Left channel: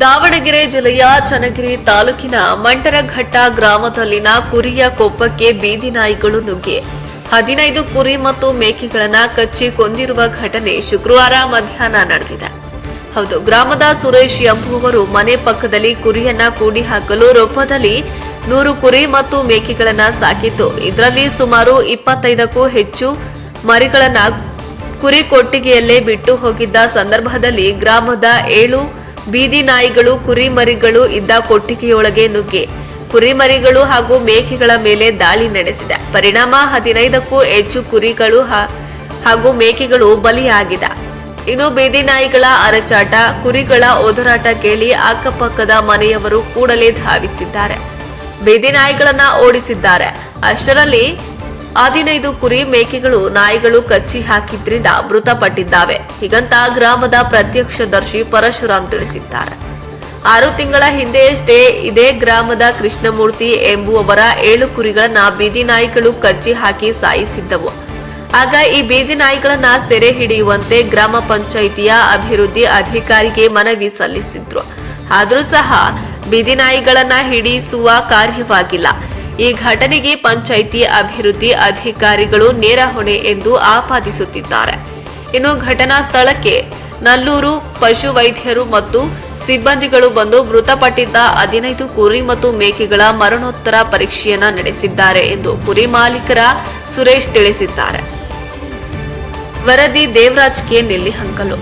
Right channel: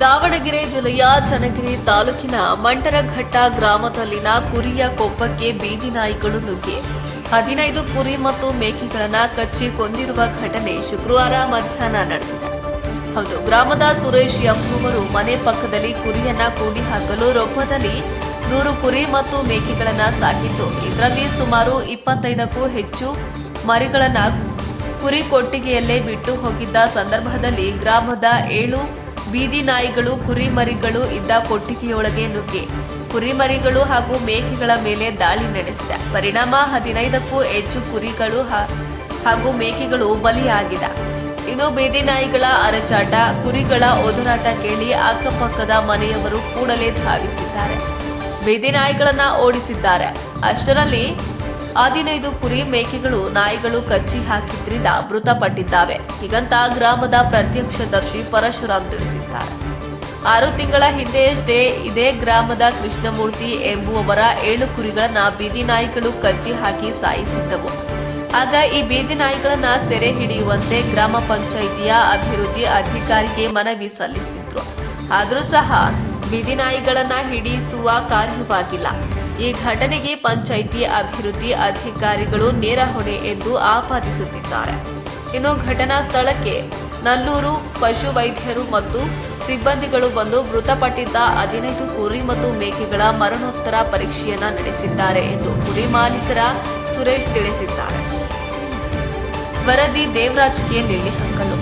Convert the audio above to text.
ದಾವಣಗೆರೆ ಜಿಲ್ಲೆಯ ಚನ್ನಗಿರಿ ತಾಲೂಕಿನ ಮಂಟರಘಟ್ಟ ಗ್ರಾಮದಲ್ಲಿನ ಕುರಿಯ ಕೊಪ್ಪಕ್ಕೆ ಬೀದಿ ನಾಯಿಗಳು ನುಗ್ಗಿ. ಹದಿನೈದು ಕುರಿ ಮತ್ತು ಮೇಕೆಗಳನ್ನು ಕಚ್ಚಿ ಕೊಂದಿರುವ ಘಟನೆ ಶುಕ್ರವಾರ ಮಧ್ಯಾಹ್ನ ನಡೆದಿದೆ. ಹೌದು, ಗ್ರಾಮದ ಸುರೇಶ್ ಎಂಬುವವರು ಮನೆ ಪಕ್ಕದಲ್ಲಿ ಕುರಿಯನ್ನ ಕೂಡಿ ಹಾಕಲು ರೊಪ್ಪದಲ್ಲಿ ನೂರು ಕುರಿ ಮತ್ತು ಮೇಕೆಗಳನ್ನ ಸಾಕಿತ್ತು ಇದರಲ್ಲಿ ಸುಮಾರು ಇಪ್ಪತ್ತೈದಕ್ಕೂ ಹೆಚ್ಚು ಮರಿಗಳನ್ನ ಕುರಿ ಕೊಟ್ಟಿಗೆಯಲ್ಲೇ ಬಿಟ್ಟು ಹೋಗಿದ್ದ ಸಂದರ್ಭದಲ್ಲಿ ಗ್ರಾಮದ ಏಳು ಬೀದಿ ನಾಯಿಗಳು, ಕುರಿಮರಿಗಳು ಇದ್ದ ಕೊಟ್ಟಿಗೆಯೊಳಗೆ ನುಗ್ಗಿ. ಕುರಿಮರಿಗಳು ಹಾಗೂ ಮೇಕೆಗಳ ಮೇಲೆ ದಾಳಿ ನಡೆಸಿದೆ. ಪರಿಣಾಮ ಹದಿನೈದಕ್ಕೂ ಹೆಚ್ಚು ಕುರಿಗಳು ಹಾಗೂ ಮೇಕೆಗಳು ಬಲಿಯಾಗಿದೆ. ಇನ್ನು ಬೀದಿ ನಾಯಿಗಳ ಅರಚಾಟ, ಕುರಿಗಳ ಒದರಾಟ ಕೇಳಿ ಅಕ್ಕಪಕ್ಕದ ಮನೆಯವರು ಕೂಡಲೇ ಧಾವಿಸಿದ್ದಾರೆ. ಬೀದಿ ನಾಯಿಗಳನ್ನ ಓಡಿಸಿದ್ದಾರೆ. ಅಷ್ಟರಲ್ಲಿ ಹದಿನೈದು ಕುರಿ ಮೇಕೆಗಳು, ನಾಯಿಗಳು ಕಚ್ಚಿ ಹಾಕಿದ್ರಿಂದ ಮೃತಪಟ್ಟಿದ್ದಾವೆ. ಹೀಗಂತ ಗ್ರಾಮದ ಪ್ರತ್ಯಕ್ಷದರ್ಶಿ ಪರಶುರಾಮ್ ತಿಳಿಸಿದ್ದಾರೆ. ಆರು ತಿಂಗಳ ಹಿಂದೆಯಷ್ಟೇ ಇದೇ ಗ್ರಾಮದ ಕೃಷ್ಣಮೂರ್ತಿ ಎಂಬುವವರ ಏಳು ಕುರಿಗಳನ್ನ ಬೀದಿ ನಾಯಿಗಳು ಕಚ್ಚಿ ಹಾಕಿ ಸಾಯಿಸಿದ್ದವು. ಆಗ ಈ ಬೀದಿ ನಾಯಿಗಳನ್ನ ಸೆರೆ ಹಿಡಿಯುವಂತೆ ಗ್ರಾಮ ಪಂಚಾಯಿತಿಯ ಅಭಿವೃದ್ಧಿ ಅಧಿಕಾರಿಗೆ ಮನವಿ ಸಲ್ಲಿಸಿದ್ರು. ಆದರೂ ಸಹ ಬೀದಿ ನಾಯಿಗಳನ್ನ ಹಿಡಿಸುವ ಕಾರ್ಯವಾಗಿಲ್ಲ. ಈ ಘಟನೆಗೆ ಪಂಚಾಯಿತಿ ಅಭಿವೃದ್ಧಿ ಅಧಿಕಾರಿಗಳು ನೇರ ಹೊಣೆ ಎಂದು ಆಪಾದಿಸುತ್ತಿದ್ದಾರೆ. ಇನ್ನು ಘಟನಾ ಸ್ಥಳಕ್ಕೆ ನಲ್ಲೂರು ಪಶು ವೈದ್ಯರು ಮತ್ತು ಸಿಬ್ಬಂದಿಗಳು ಬಂದು ಮೃತಪಟ್ಟಿದ್ದ ಹದಿನೈದು ಕುರಿ ಮತ್ತು ಮೇಕೆಗಳ ಮರಣೋತ್ತರ ಪರೀಕ್ಷೆಯನ್ನ ನಡೆಸಿದ್ದಾರೆ ಎಂದು ಕುರಿ ಮಾಲೀಕರ ಸುರೇಶ್ ತಿಳಿಸಿದ್ದಾರೆ. ವರದಿ ದೇವರಾಜ್ ಕೆ ನೆಲ್ಲಿಹಂಕಲು